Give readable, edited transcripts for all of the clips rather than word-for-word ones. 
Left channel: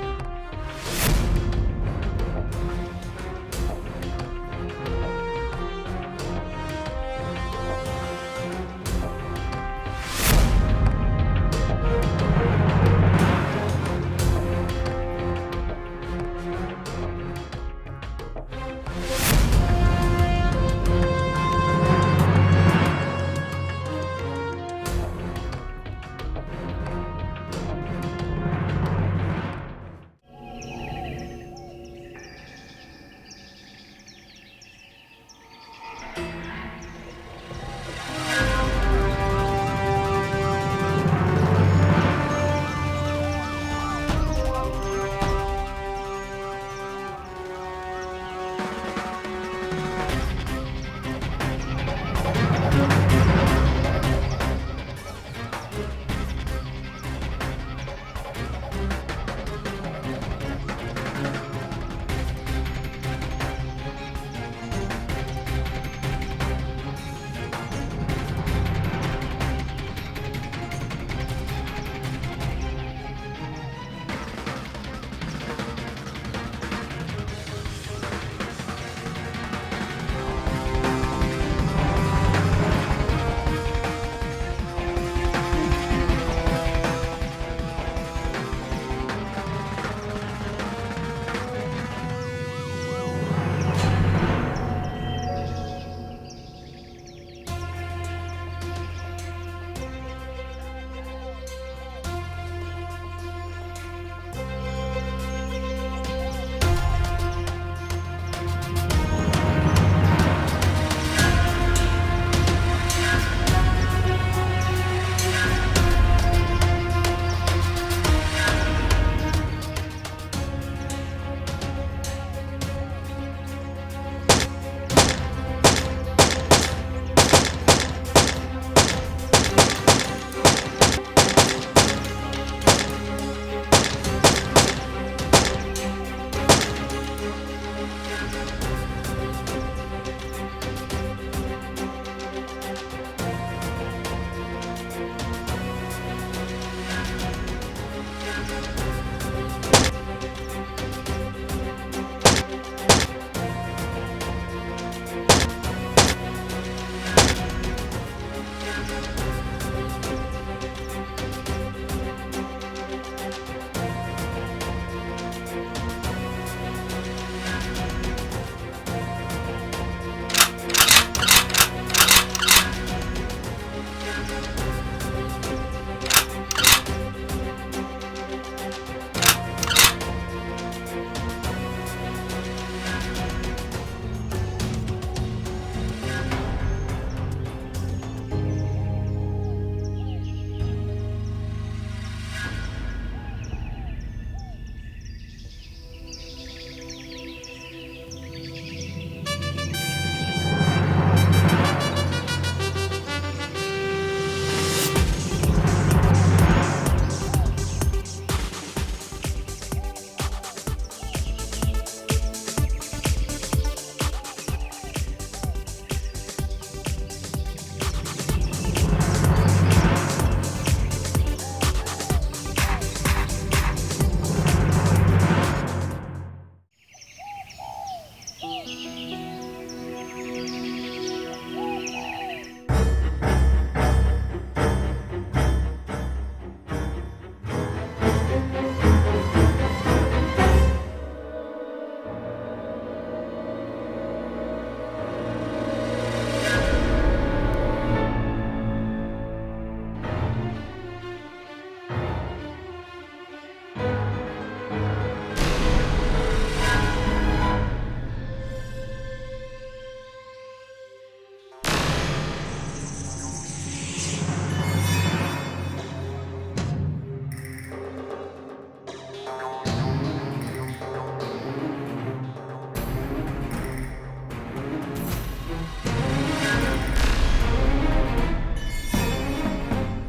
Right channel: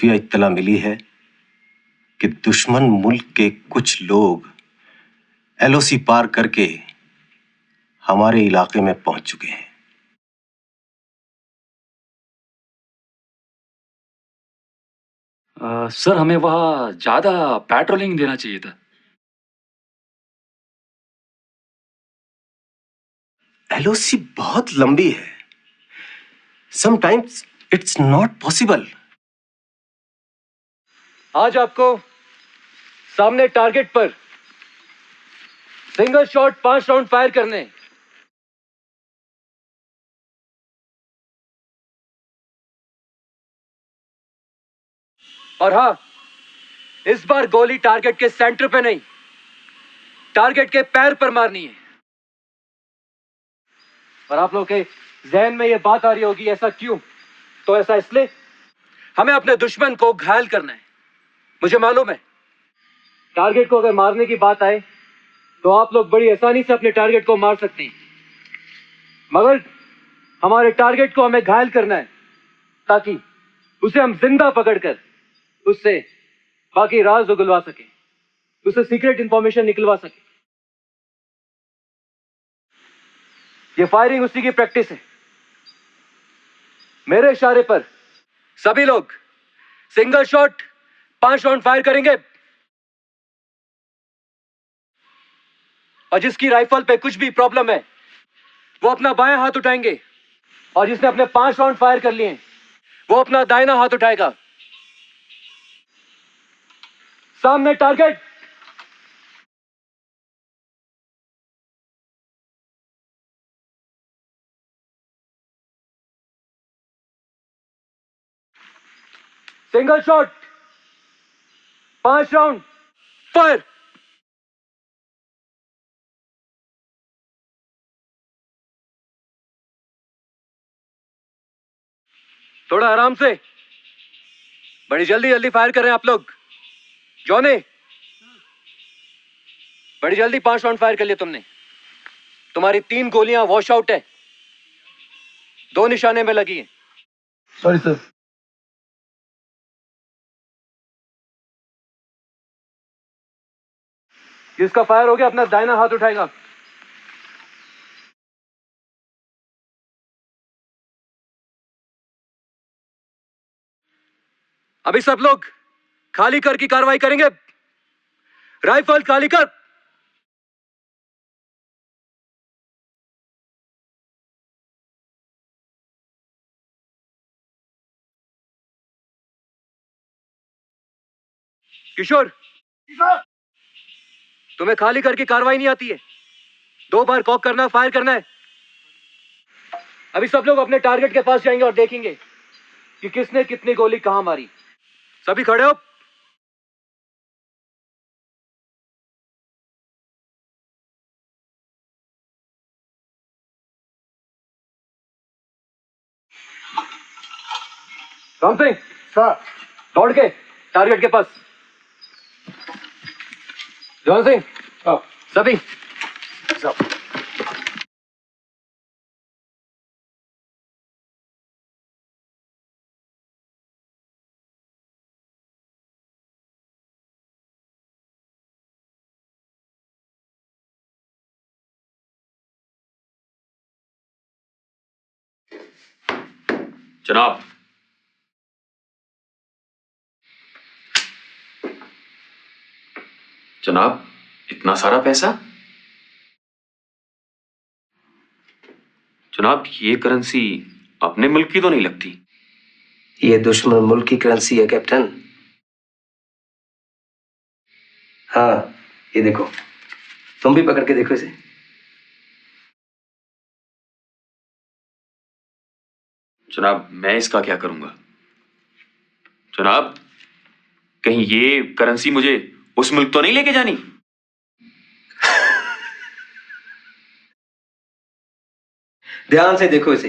खुफिया इत्तला मिली है कि दुश्मन मुल्क के कुछ लोग एलओसी पार करके हमारे इलाके में पहुंच चुके हैं। सर, हमें वहाँ ज्यादा पेट्रोलिंग देना चाहिए था। एलओसी बहुत लंबी है। Sometimes it's not possible. आज आपको सामने टारगेट पर सिंगल शॉट 5 राउंड फायर करने। और हाँ, इस बार गोली टारगेट के सेंटर पे नहीं, टारगेट के पैर पर मारनी है। और आप लोगों के जहन में ये बात आ रही होगी, ऐसा क्यों? तो ऐसा इसलिए, हमें अपने दुश्मन को घायल करना है। मुझे मालूम है, टारगेट को अगर मारने की बात आए तो आप लोग बड़ी आसानी से अपने टारगेट को मार सकते हैं, मगर हमारे टारगेट को हमें घायल करना है ताकि उसे हम जिंदा पकड़कर उससे बाकी राज उगलवा सके, उससे सीक्रेट इंफॉर्मेशन निकलवा सके। ये फायरिंग उसी की प्रैक्टिस है। मेरे इशारे पर सभी लोग सिंगल शॉट 5 राउंड फायर करेंगे और जिसकी राइफल पे कुछ भी प्रॉब्लम है वो अपना बायां हाथ उठाएंगे, और जिसने अपने 5 राउंड फायर कर लिए वो अपना दाहिना हाथ उठाएगा। सामने target. Single shot 5 round fire. थोड़ा आराम से, बड़ी जल्दी जल्दी फायर कर रहे हैं आप लोग। क्यों नहीं? बड़ी जल्दी 5 राउंड फायर कर लिया तुमने। तुम्हारी 3 गोलियां वॉश आउट है, 2 निशाने में लगी है। Sorry sir. जिसका फायर हो गया अपना दाहिना हाथ उठाएगा। अभी सब लोग खाली कर की कार्रवाई करेंगे। राइफल खाली कर। किशोर, तुम्हें खाली करके कार्रवाई नहीं आती है? 2 बार कॉक करना, फायर करना है। अभी सब लोग अपने टारगेट के पास जाएंगे और देखेंगे कि किसने कितनी गोली कहां मारी। सभी खड़े हो? राम सिंह, सर, दौड़ के टारगेट के पास। जॉन सिंह, सभी जनाब, जनाब, इतना सारा पैसा? जनाब, ये करेंसी अपने मुल्क की तो नहीं लगती। ये दुश्मन मुल्क की करेंसी है कैप्टन। हाँ, ये देखो, तुम भी पकड़ के देखो इसे। जनाब, मैं इसका क्या करूंगा? जनाब, कहीं ये करेंसी मुझे उस मुल्क तो नहीं लेके जानी? ध्यान से देखो इसे।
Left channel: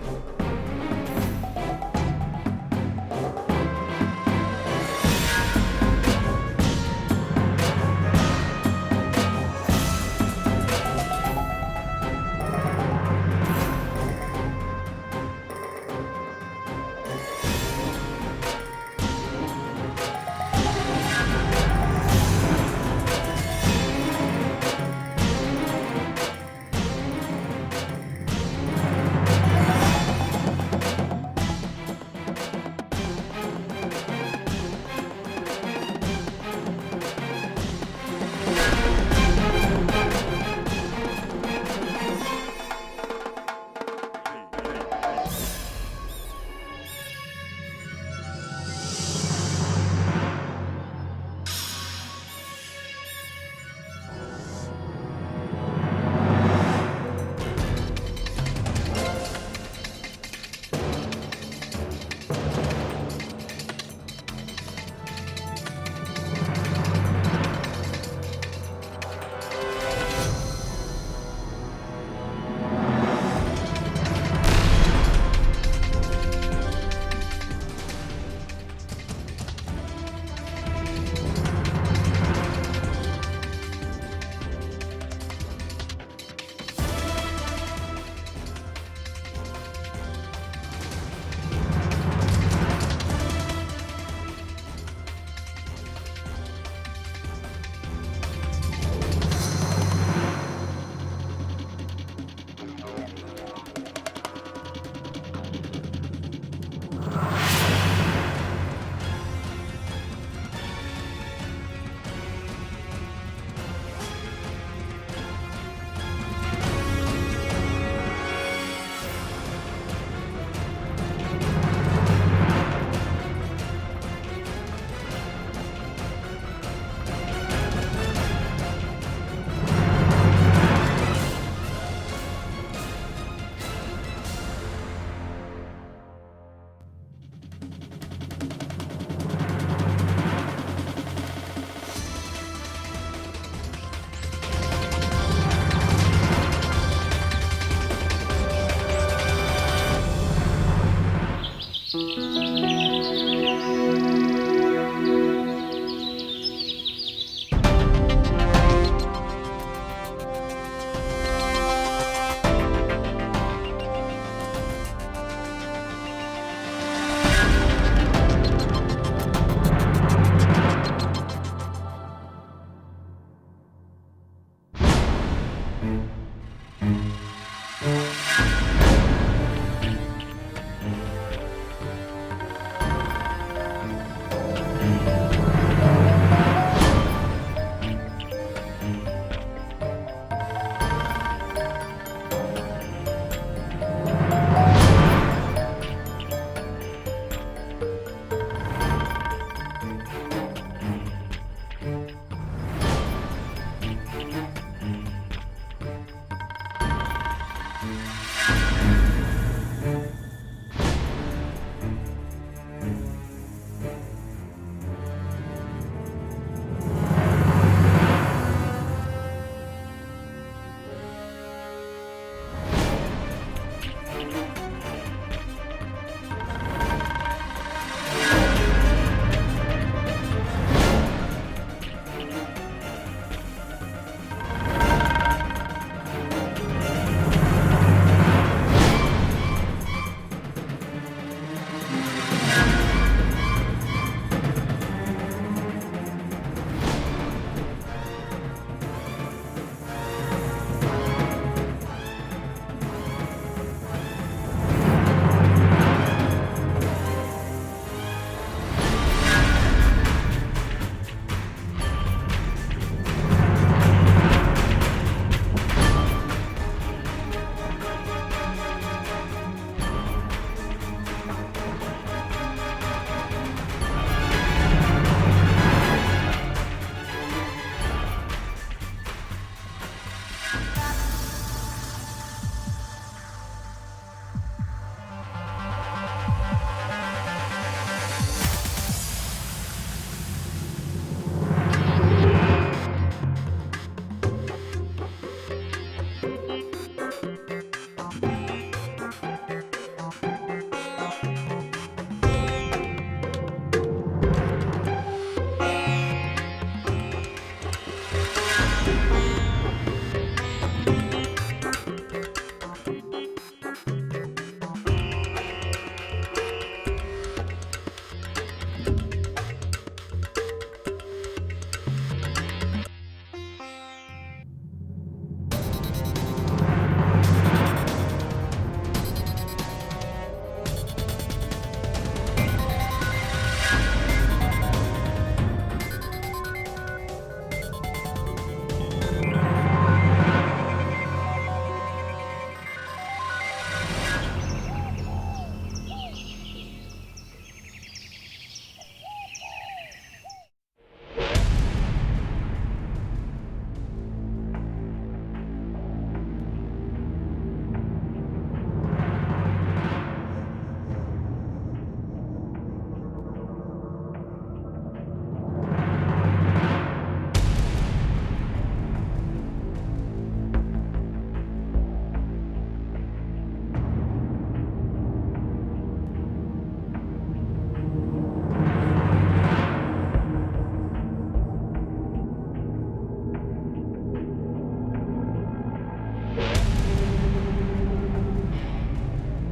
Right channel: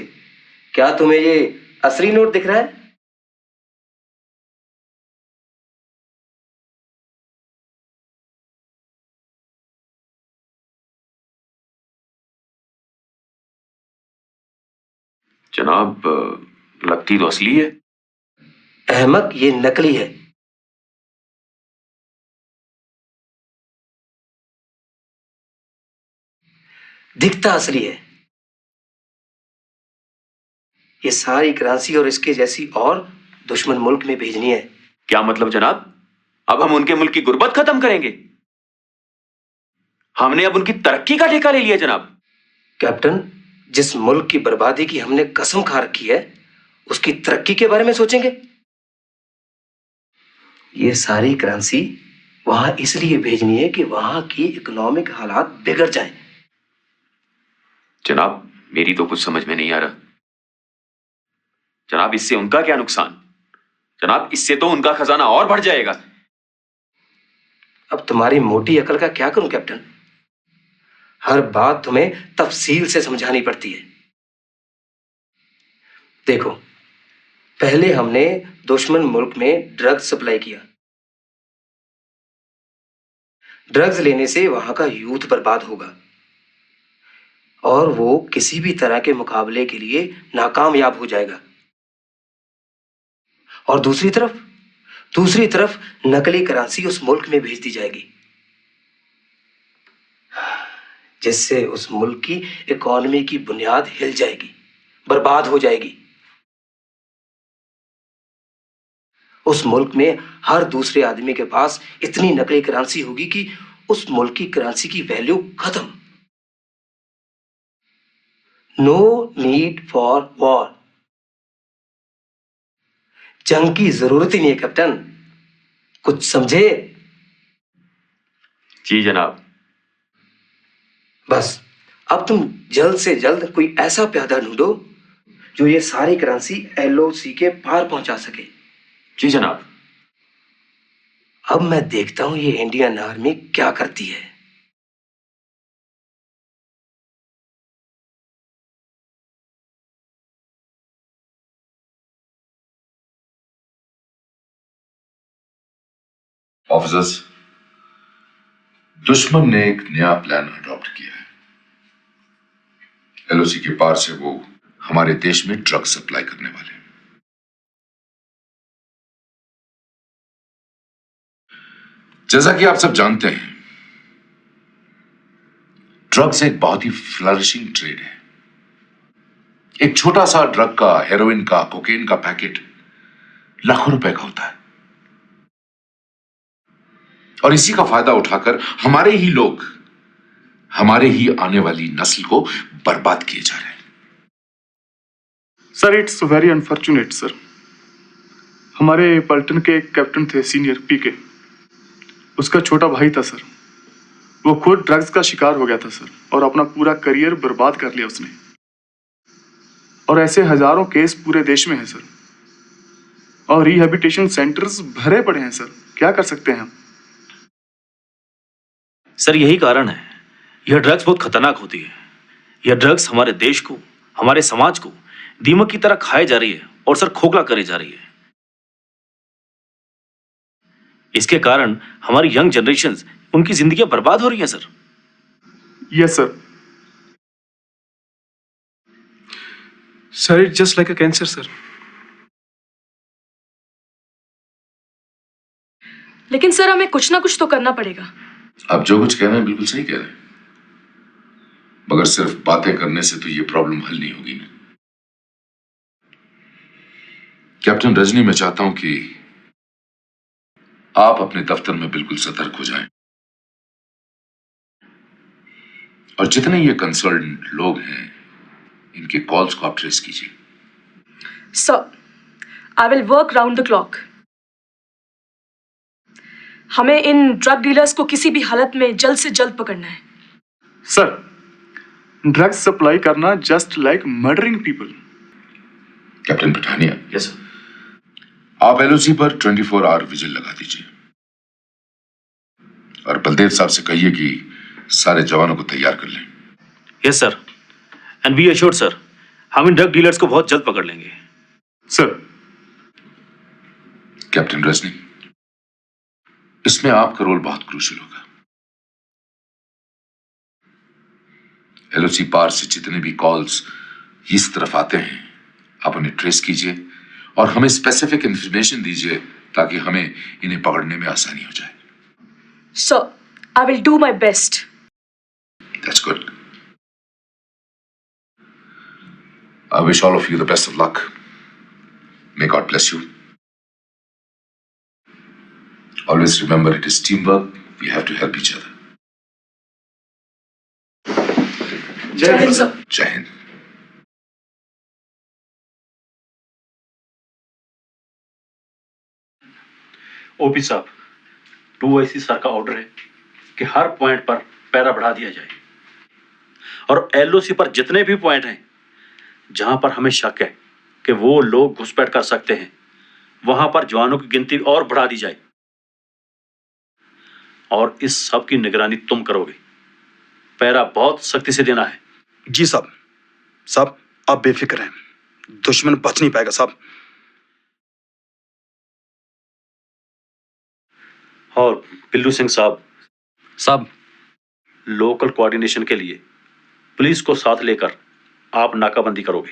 क्या तुम्हें ये असली नोट दिख रहा है? जनाब, लगती तो असली है। अहमद, ये नकली है। दिखता असली है। ये सारी करेंसी और इसके जैसी और दुश्मन मुल्क में भेजनी है। क्या मतलब जनाब? अब हम उनके मुल्क की गुर्बत खत्म करेंगे? हमने अब उनकी तरक्की का ठेका ले लिया जनाब। कैप्टन, जिस मुल्क की बर्बादी की हमने कसम खा रखी है, उसकी तरक्की के बारे में सोचेंगे? ये सारी करेंसी वहां इसलिए भेजनी है कि वहां की इकोनॉमिक हालात बिगड़ जाए। जनाब, मेरी तो कुछ समझ में नहीं आ रहा। जनाब, इससे उनका क्या नुकसान? जनाब, इससे तो उनका खजाना और बढ़ जाएगा। अब तुम्हारी मोटी अकल का क्या करूं कैप्टन? हर बात तुम्हें तफसील से समझानी पड़ती है। देखो, पहले हमने दुश्मन मुल्क में ड्रग्स सप्लाई किया। ड्रग्स लेने से वहां का यूथ बर्बाद होगा और वो किसी भी तरह के मुकाबले के लिए नाकामयाब हो जाएगा। और दूसरी तरफ नकली करेंसी उस मुल्क में भेज दी जाएगी, जिससे उस मुल्क की इकोनॉमी की बुनियाद हिल जाएगी, बर्बाद हो जाएगी। उस मुल्क में हर दूसरे आदमी के पास इतनी नकली करेंसी होगी कि उस मुल्क की करेंसी की वैल्यू खत्म। No need for war. जंग की जरूरत ही नहीं है कैप्टन, कुछ समझे? जी जनाब। बस अब तुम जल्द से जल्द कोई ऐसा प्यादा ढूंढो जो ये सारी करेंसी LOC के पार पहुंचा सके। जी जनाब। अब मैं देखता हूं ये इंडियन आर्मी क्या करती है। ऑफिसर्स, दुश्मन ने एक नया प्लान अडॉप्ट किया है। LOC के पार से वो हमारे देश में ड्रग सप्लाई करने वाले। जैसा कि आप सब जानते हैं, ड्रग्स एक बहुत ही फ्लरिशिंग ट्रेड है। एक छोटा सा ड्रग का, हेरोइन का, कोकेन का पैकेट लाखों रुपए का होता है और इसी का फायदा उठाकर हमारे ही लोग, हमारे ही आने वाली नस्ल को बर्बाद किए जा रहे हैं। Sir, it's very unfortunate sir. हमारे पलटन के एक कैप्टन थे, सीनियर पीके। उसका छोटा भाई था सर। वो खुद ड्रग्स का शिकार हो गया था सर और अपना पूरा करियर बर्बाद कर लिया उसने। और ऐसे हजारों केस पूरे देश में हैं सर और रिहैबिलिटेशन सेंटर्स भरे पड़े हैं सर। क्या कर सकते हैं हम? सर, यही कारण है, यह ड्रग्स बहुत खतरनाक होती है। यह ड्रग्स हमारे देश को, हमारे समाज को दीमक की तरह खाए जा रही है और सर खोखला करे जा रही है। इसके कारण हमारी यंग जनरेशन, उनकी जिंदगियां बर्बाद हो रही हैं sir. Yes sir. Sir, it's just like a cancer sir. लेकिन सर, हमें कुछ ना कुछ तो करना पड़ेगा। आप जो कुछ कह रहे हैं बिल्कुल सही कह रहे हैं, मगर सिर्फ बातें करने से तो ये प्रॉब्लम हल नहीं होगी। कैप्टन रजनी, मैं चाहता हूं कि आप अपने दफ्तर में बिल्कुल सतर्क हो जाएं और जितने ये कंसर्न लोग हैं, इनके कॉल्स को आप ट्रेस कीजिए। Sir, I will work round the clock. हमें इन ड्रग डीलर्स को किसी भी हालत में जल्द से जल्द पकड़ना है। सर, ड्रग्स सप्लाई करना just like murdering people. Captain Pathania, yes sir. आप LOC पर 24 आवर विजिल लगा दीजिए और बलदेव साहब से कहिए कि सारे जवानों को तैयार कर लें। Yes sir, and be assured sir, हम इन ड्रग डीलर्स को बहुत जल्द पकड़ लेंगे। सर। कैप्टन रजनी, इसमें आपका रोल बहुत क्रूशियल होगा। LOC पार से जितने भी कॉल्स इस तरफ आते हैं, आप उन्हें ट्रेस कीजिए और हमें स्पेसिफिक इंफॉर्मेशन दीजिए ताकि हमें इन्हें पकड़ने में आसानी हो जाए। Sir, I will do my best. That's good. I wish all of you the best of luck. May God bless you. Always remember it is teamwork. We have to help each other. जय Hind sir. Jai Hind. OP साहब, 2IC sir का order है कि हर point पर para बढ़ा दिया जाए और LOC पर जितने भी पॉइंट हैं जहां पर हमें शक है कि वो लोग घुसपैठ कर सकते हैं, वहां पर जवानों की गिनती और बढ़ा दी जाए। और इस सब की निगरानी तुम करोगे। पैरा बहुत सख्ती से देना है। जी साहब। साहब आप बेफिक्र हैं, दुश्मन बच नहीं पाएगा साहब। और बिल्लू सिंह साहब, लोकल कोऑर्डिनेशन के लिए पुलिस को साथ लेकर आप नाकाबंदी करोगे।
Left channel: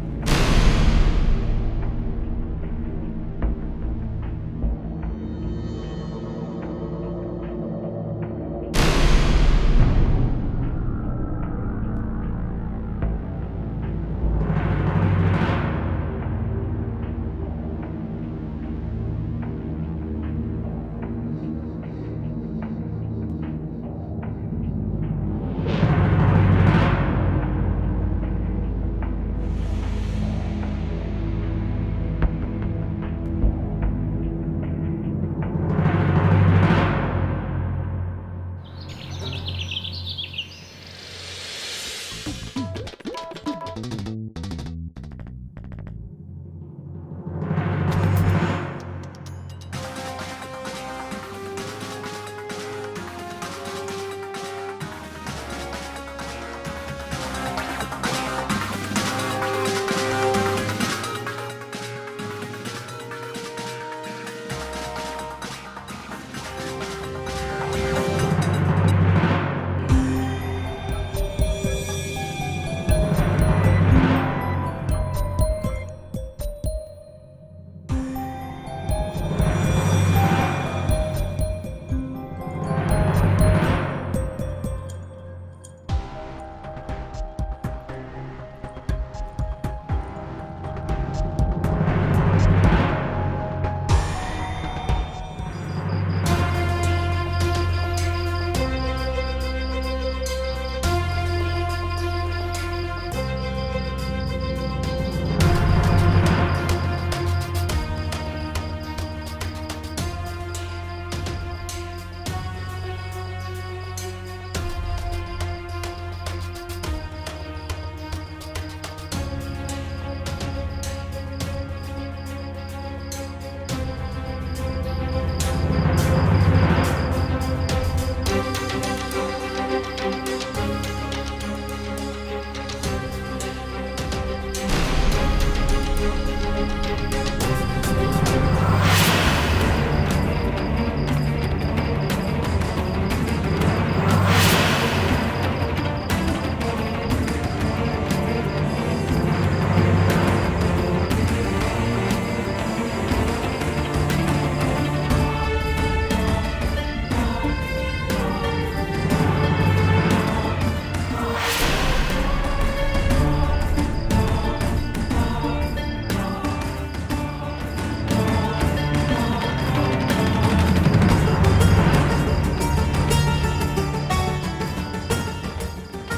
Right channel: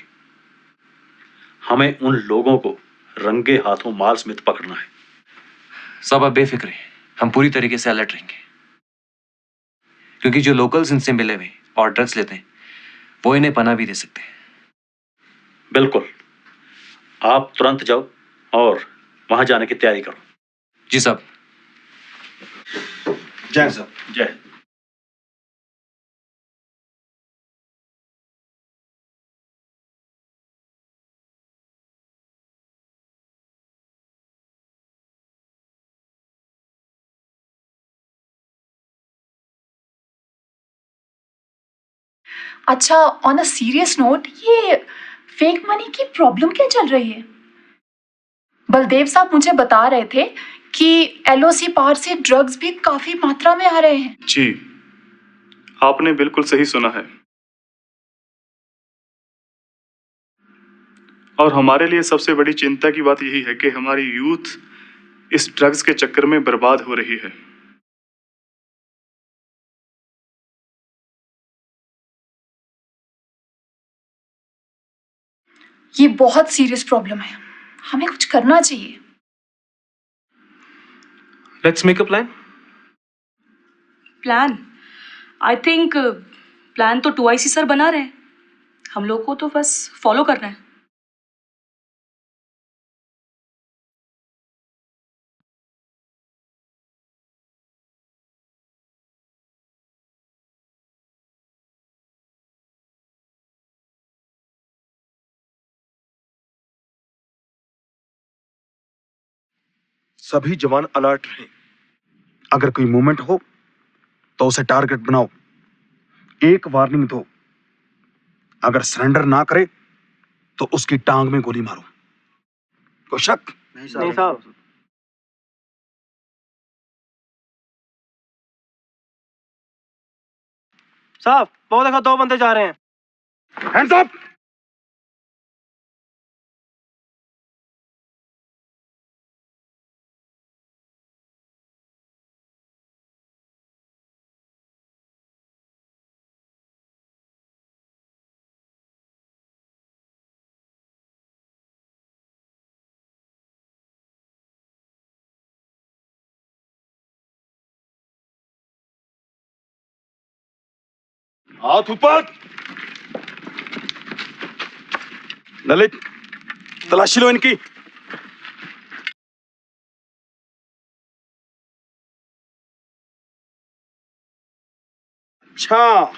हमें उन लोगों को रंगे हाथों माल समेत पकड़ना है। सब आप बेफिक्र हैं, हम पूरी तरीके से अलर्ट रहेंगे, क्योंकि जो लोकल्स इनसे मिले हुए और ड्रग्स लेते हैं वो इन्हें पनाह भी दे सकते हैं। बिल्कुल, आप तुरंत जाओ और वहां जाने की तैयारी करो। जी साहब। जय साहब। जय। अच्छा, ऑन अ सीरियस नोट, ये फेक मनी की प्रॉब्लम क्या चल रही है? बलदेव साहब मुझे बता रहे थे कि LOC पार से ड्रग्स भी काफी मात्रा में आ रहे हैं। जी, आपने बिल्कुल सही सुना है। और हमारे लिए सबसे बड़ी चिंता की बात यही है कि हमारी यूथ इस ड्रग्स के चक्कर में बर्बाद हो रही है। ये बहुत सीरियस प्रॉब्लम है, हमें कुछ करना चाहिए। Let's make a plan. Plan? I think plan तो 2IC सर बना रहे हैं, हम लोग को तो बस फॉलो करना है। सभी जवान अलर्ट रहे। अगर कोई मूवमेंट हो तो उसे टारगेट बनाओ, एक वार्निंग दो। अगर सरेंडर ना करे तो उसकी टांग में गोली मारो। कोई शक? नहीं साहब। साहब, वो देखो 2 बंदे जा रहे हैं। Hands up! ऊपर ललित, तलाशी लो इनकी। अच्छा,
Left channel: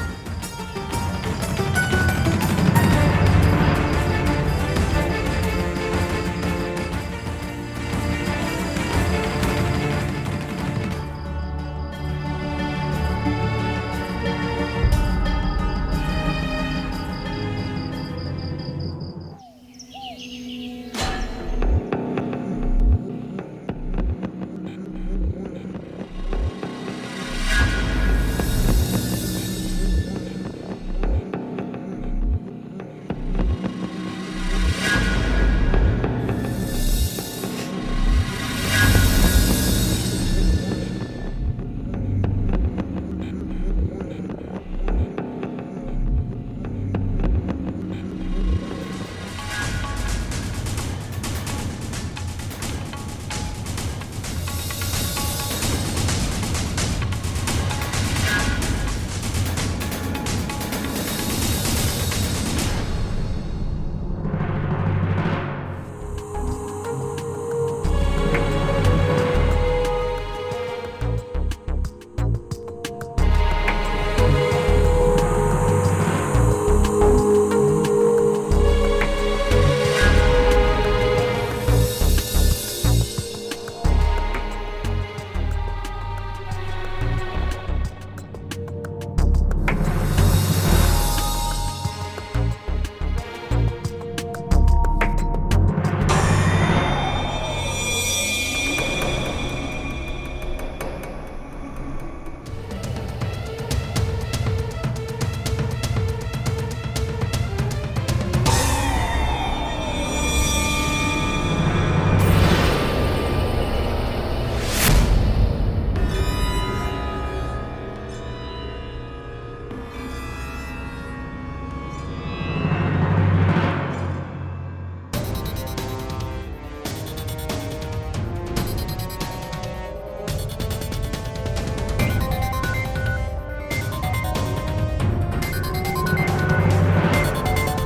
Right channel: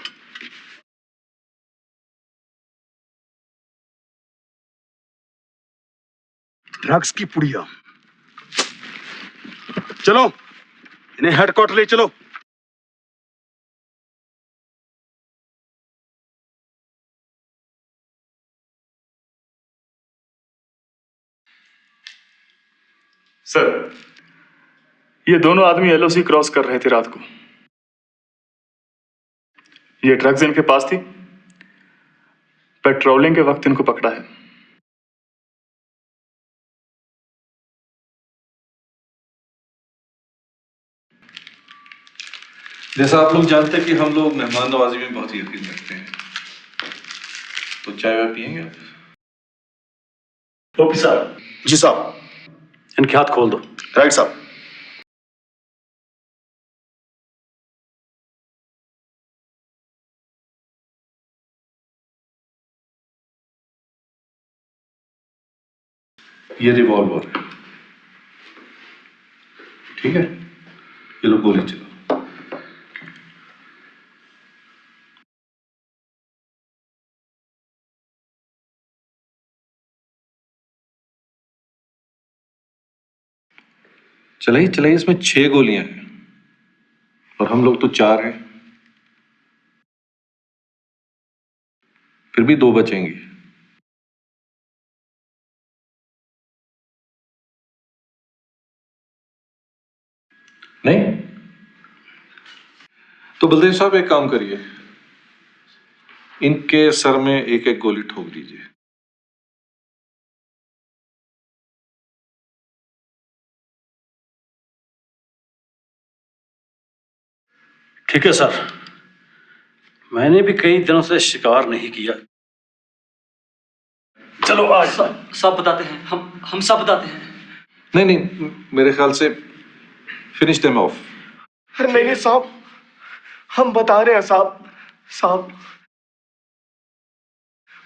ड्रग्स की पुड़िया। चलो इन्हें हेडक्वार्टर ले चलो। सर, ये दोनों आदमी LOC क्रॉस कर रहे थे रात को। ये ड्रग्स इनके पास थी, पेट्रोलिंग के वक्त इनको पकड़ा है। जैसा आप लोग जानते हैं कि हम लोग मेहमान नवाजी में बहुत ही यकीन करते हैं, तो चाय वाय पियेंगे? ओके साहब। जी साहब। इनके हाथ खोल दो। राइट साहब। ये रिवॉल्वर, ठीक है, ये लो गोली चलो। चलाइए चलाइए, इसमें 6 गोलियां हैं और हम लोग तो 4 हैं, फिर भी 2 बचेंगे। नहीं तो बलदेव साहब एक काम करिए, इनके सर में एक एक गोली ठोक। ठीक है सर, मैंने भी कई दिनों से शिकार नहीं किया। चलो आज सब बताते हैं, हम सब बताते हैं। नहीं नहीं, मेरे ख्याल से फिनिश देम ऑफ। नहीं साहब, हम बता रहे हैं साहब। साहब,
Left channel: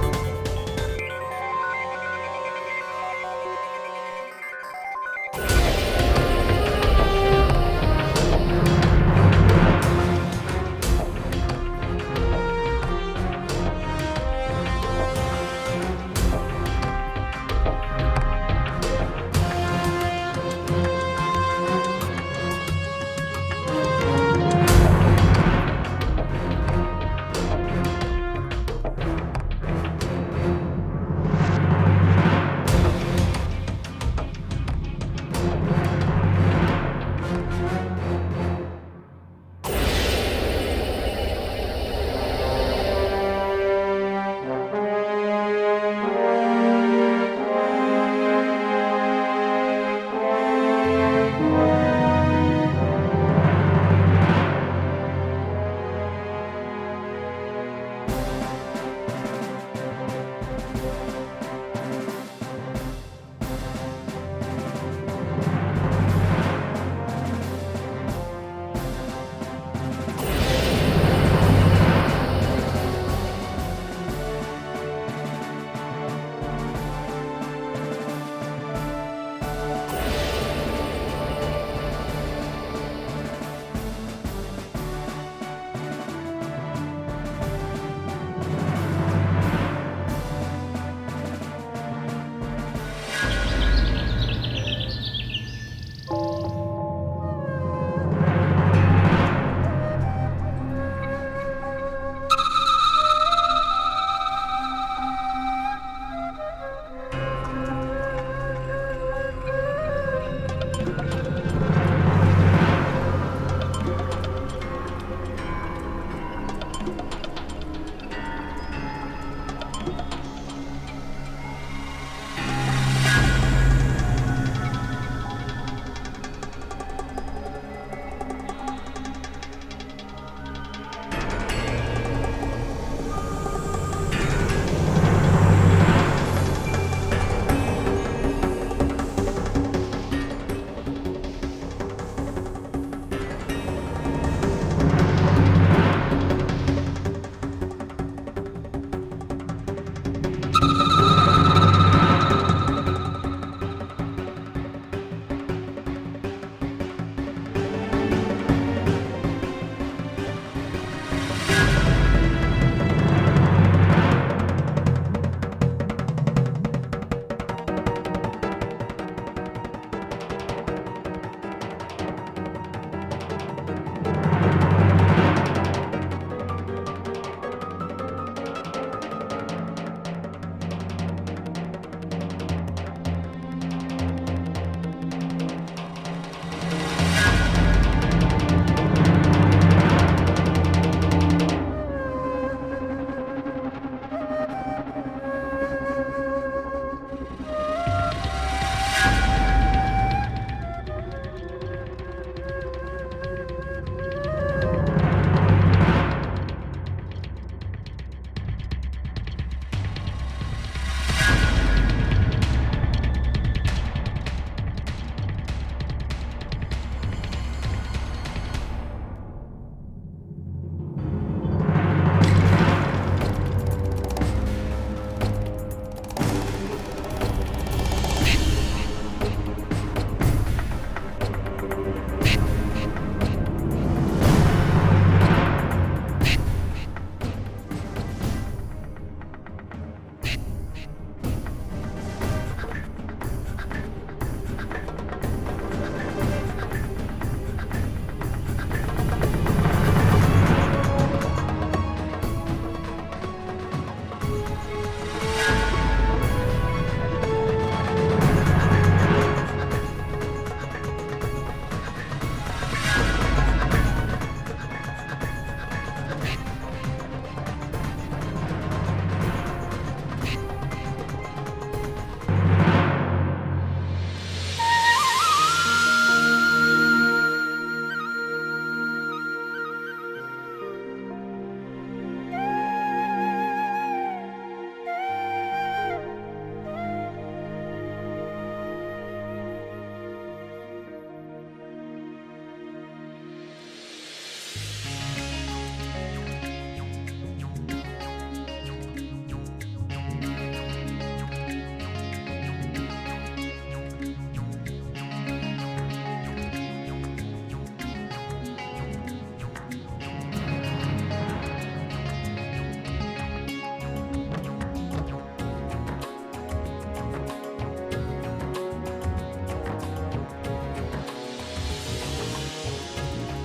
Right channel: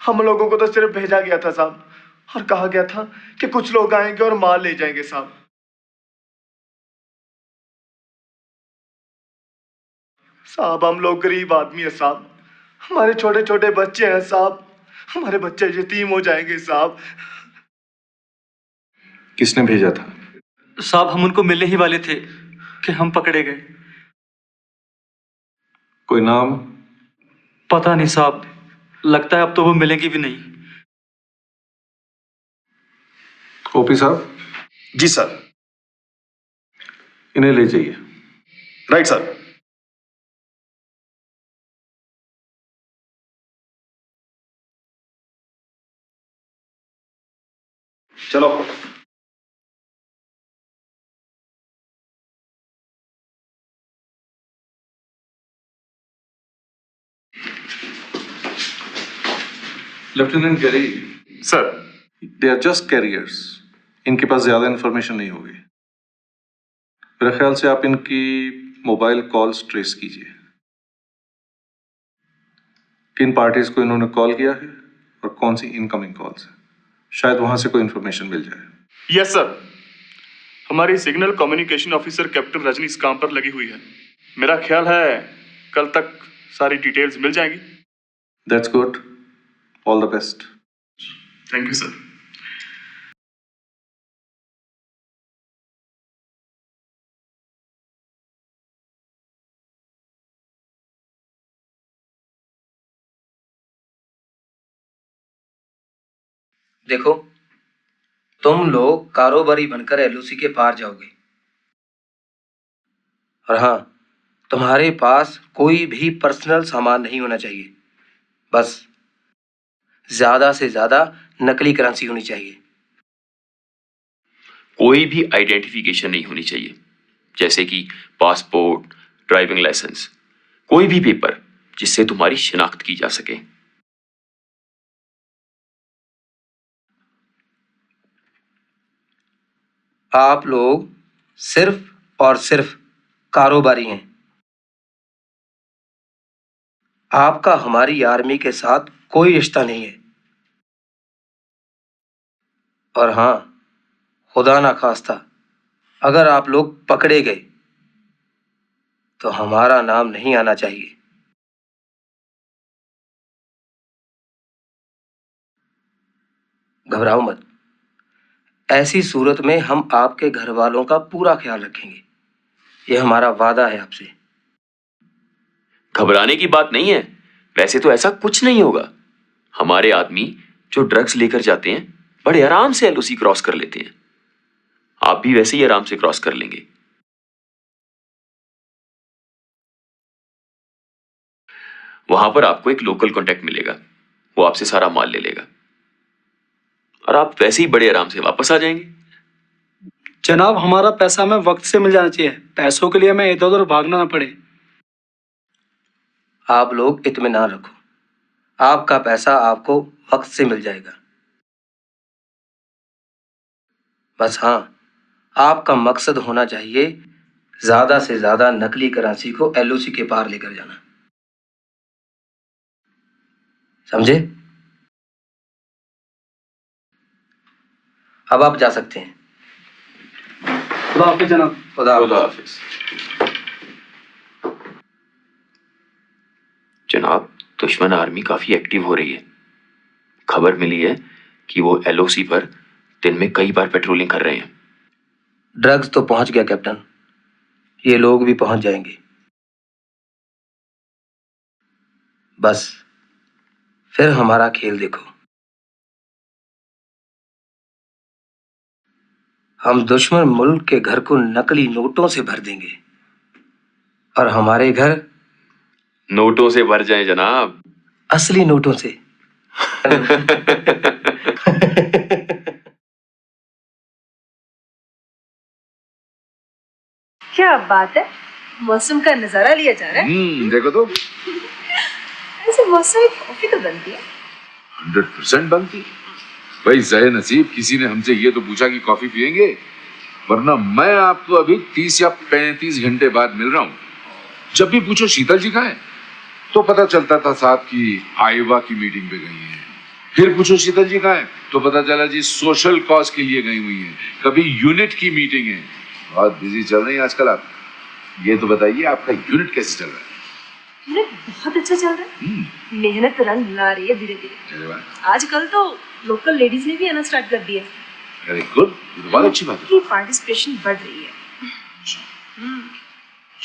हम लोगों को तो सिर्फ भेजा गया था साहब, और कहा गया था कि कुछ लोग आएंगे और माल ले जाएंगे साहब। साहब, हम लोग गरीब आदमी है साहब, हमारे छोटे छोटे बच्चे हैं साहब, हमारे बच्चे यतीम हो जाएंगे साहब। किसने भेजा था? साहब, हम उनको मिलने ही वाले थे कि हम पकड़े गए। कोई नाम? पता नहीं साहब, लगता है अब तो वो मिलेंगी भी नहीं। ओपी साहब। जी सर। इन्हें ले जाइए। Right sir. चलो। Lieutenant Gerry sir. They are just carriers, इनके पास ज्यादा इंफॉर्मेशन नहीं होगी। मेरे ख्याल से आप इनकी मोबाइल कॉल्स ट्रेस कीजिए, किन पार्टीज को इन्होंने कॉल किया है और कौन सी इनकमिंग कॉल्स, शायद वहां से कोई इंफॉर्मेशन मिल जाए। Yes sir. हमारी signal communication officer captain Rajni इस काम पर लगी हुई है। मेरा ख्याल है कल तक सारी डिटेल्स मिल जाएंगी। That's good, all the best. Thank you sir. देखो, तुम लोग कारोबारी बनकर एलओसी के पार जाओगे, और हाँ, तुम्हारे पास कोई भी पर्सनल सामान नहीं होना चाहिए। बस ज्यादा से ज्यादा नकली करेंसी होनी चाहिए। कोई भी आइडेंटिफिकेशन नहीं होनी चाहिए, जैसे कि पासपोर्ट, ड्राइविंग लाइसेंस, कोई भी पेपर जिससे तुम्हारी शिनाख्त की जा सके। आप लोग सिर्फ और सिर्फ कारोबारी हैं। आपका हमारी आर्मी के साथ कोई रिश्ता नहीं है। और हाँ, खुदा ना खास्ता अगर आप लोग पकड़े गए तो हमारा नाम नहीं आना चाहिए। घबराओ मत, ऐसी सूरत में हम आपके घर वालों का पूरा ख्याल रखेंगे। ये हमारा वादा है आपसे। घबराने की बात नहीं है, वैसे तो ऐसा कुछ नहीं होगा। हमारे आदमी जो ड्रग्स लेकर जाते हैं बड़े आराम से एलओसी क्रॉस कर लेते हैं। आप भी वैसे ही आराम से क्रॉस कर लेंगे। वहां पर आपको एक लोकल कांटेक्ट मिलेगा, वो आपसे सारा माल ले लेगा और आप वैसे ही बड़े आराम से वापस आ जाएंगे। जनाब, हमारा पैसा हमें वक्त से मिल जाना चाहिए। पैसों के लिए हमें इधर उधर भागना ना पड़े। आप लोग इत्मीनान रखो, आपका पैसा आपको वक्त से मिल जाएगा। बस हाँ, आपका मकसद होना चाहिए ज्यादा से ज्यादा नकली करेंसी को एलओसी के पार लेकर जाना, समझे? अब आप जा सकते हैं। खुदा हाफिज जनाब। खुदा हाफिज। जनाब, दुश्मन आर्मी काफी एक्टिव हो रही है। खबर मिली है कि वो एलओसी पर दिन में कई बार पेट्रोलिंग कर रहे हैं। ड्रग्स तो पहुंच गया कैप्टन, ये लोग भी पहुंच जाएंगे। बस फिर हमारा खेल देखो। हम दुश्मन मुल्क के घर को नकली नोटों से भर देंगे और हमारे घर नोटों से भर जाए जनाब, असली नोटों से। क्या बात है, मौसम का नजारा लिया जा रहा है। देखो तो ऐसे मौसमी कॉफी तो बनती है। 100% बनती है। भाई ज़ाहिर नसीब, किसी ने हमसे ये तो पूछा कि कॉफी पियेंगे, वरना मैं आपको अभी 30 या 35 घंटे बाद मिल रहा हूँ। जब भी पूछो शीतल जी कहाँ है, तो पता चलता था साहब की आईवा की मीटिंग पे गई है। फिर पूछो शीतल जी कहाँ है, तो पता चला जी सोशल कॉज के लिए गई हुई है। कभी यूनिट की मीटिंग है। और बिजी चल रही है आजकल आप। ये तो बताइए आपका यूनिट कैसे चल रहा है? बहुत अच्छा चल रहा है। मेहनत रंग ला रही है धीरे धीरे। आजकल तो लोकल लेडीज ने भी आना स्टार्ट कर दिए। वेरी गुड, बहुत अच्छी बात। की पार्टिसिपेशन बढ़ रही है।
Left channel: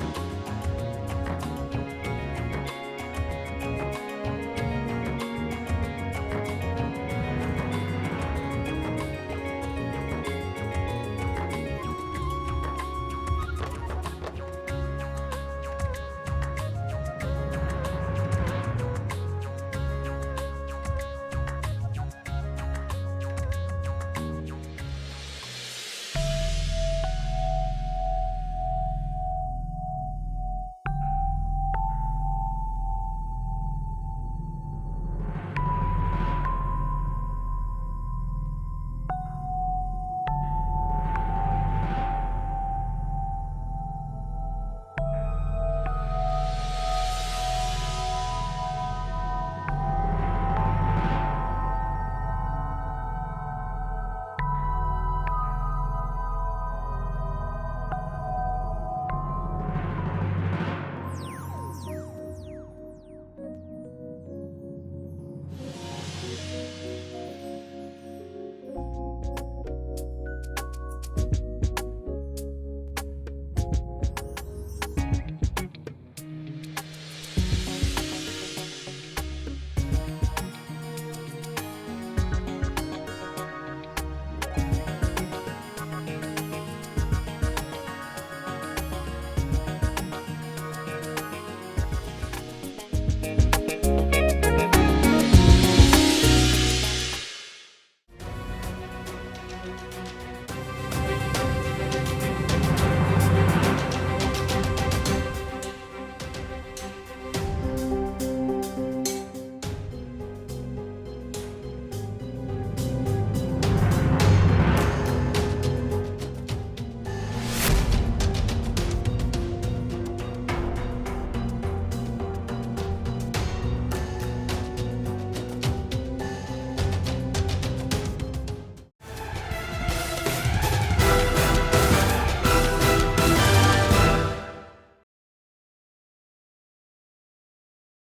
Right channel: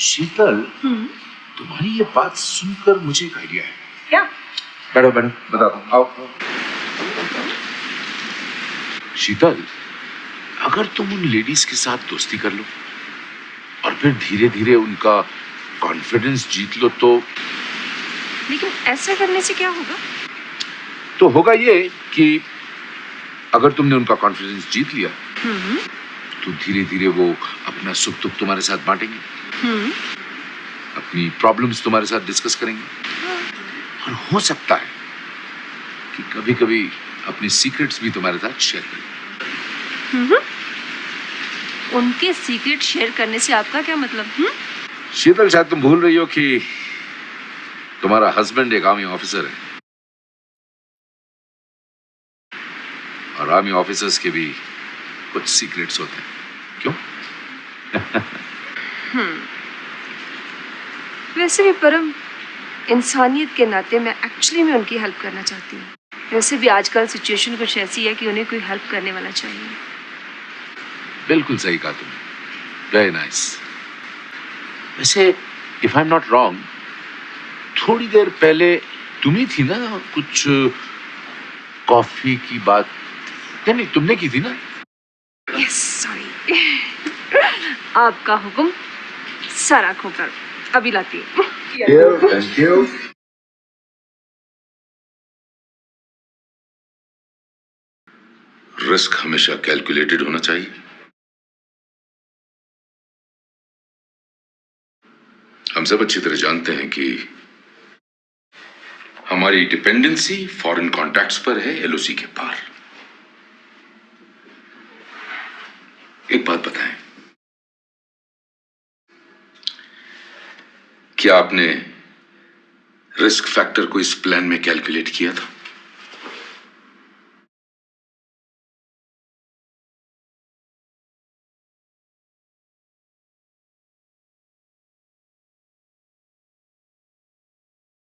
शीतल, तुम्हारी ये बात सुनकर मुझे एक आइडिया है। क्या? बैठो बहन, बताओ। आओ। शीतल, अगर तुम उन लेडीज के साथ दोस्ती कर लो और फिर धीरे धीरे उनका कॉन्फिडेंस जीत लो तो लेकिन ऐसा करने से क्या होगा? तो होगा ये कि अगर तुमने उनका कॉन्फिडेंस जीत लिया तो धीरे धीरे वो अपना सुख दुख तुम्हारे साथ बांटेंगे, अपनी प्रॉब्लम्स तुम्हारे साथ डिस्कस करेंगे और हो सकता है कि कभी कभी अपनी सीक्रेट्स भी तुम्हारे साथ शेयर करेंगे। उनके सीक्रेट शेयर करने से आपका क्या मतलब? शीतल, शायद तुम भूल रही हो कि तुम्हारा हस्बैंड एक आर्मी ऑफिसर है और आर्मी ऑफिसर्स के भी कुछ सीक्रेट्स होते हैं। क्यों? वैसे भी परम, इंसानियत के नाते मैं एक्चुअली में उनकी हेल्प करना चाहती हूँ। वैसे भी आजकल सिचुएशन कुछ ऐसी है कि उन्हें कोई हेल्प करने वाला चाहिए। बिल्कुल सही कहा तुमने। Very nice. वैसे if I am not wrong, थोड़ी देर पहले तुम ही थी ना कुछ कॉफी की बात? नहीं, तुमने की थी ना? Yes, sorry. आपका हुक्म सारा खोकर अभी लाती हूँ। Thank you. रिस्क हमेशा कैलकुलेटेड होना चाहिए। हम सब अच्छी तरह जानते हैं कि हमारी डिपेंडेंसी फॉरेन कॉन्टैक्ट्स पर है, एलओसी के पार। एक बात बताएं, क्या आपने रिस्क फैक्टर को इस प्लान में कैलकुलेट किया था?